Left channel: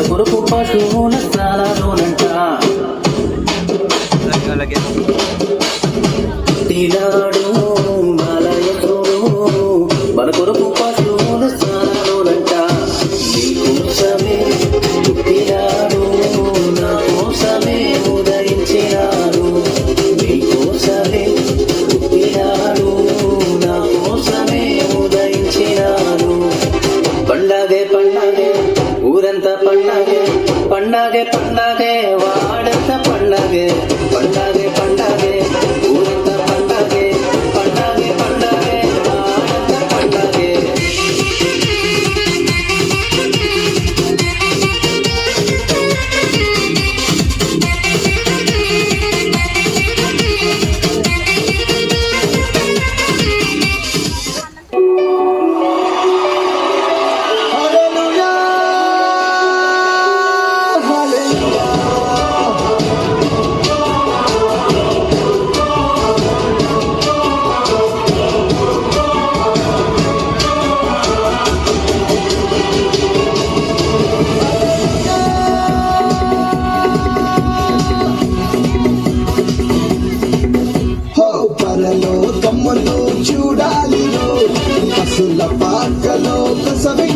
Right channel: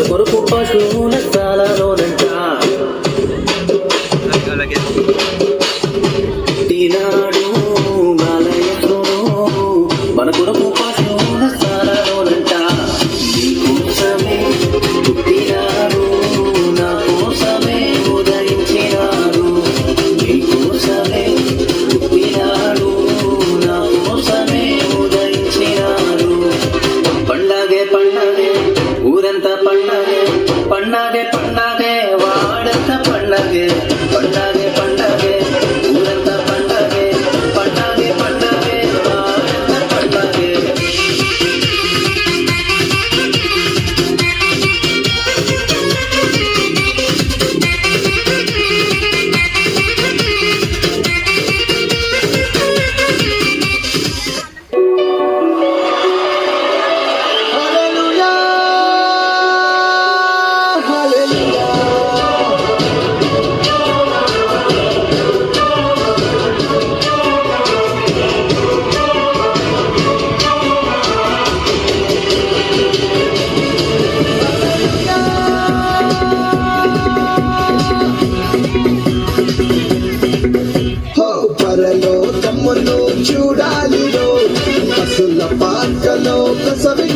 మన కొరకు పశువుల స్థానాలోనంట తీనాడు బాలయేసును మన కొరకు పశువుల స్థానాలోనంట నీ కోసమే పుట్టినాడు నా కోసమే ఉదయించినాడు నీ కోసమే పుట్టినాడు నా కోసమే ఉదయించినాడు పండగే పండగే ఊరంతా పండగే పండగే పండగే వాడంతా పండగే పండగే పండగే ఊరంతా పండగే పండగే పండగే వాడంతా పండగే పరలో తమ్మును చూడాలిలో పసుల పాకలో ప్రసవి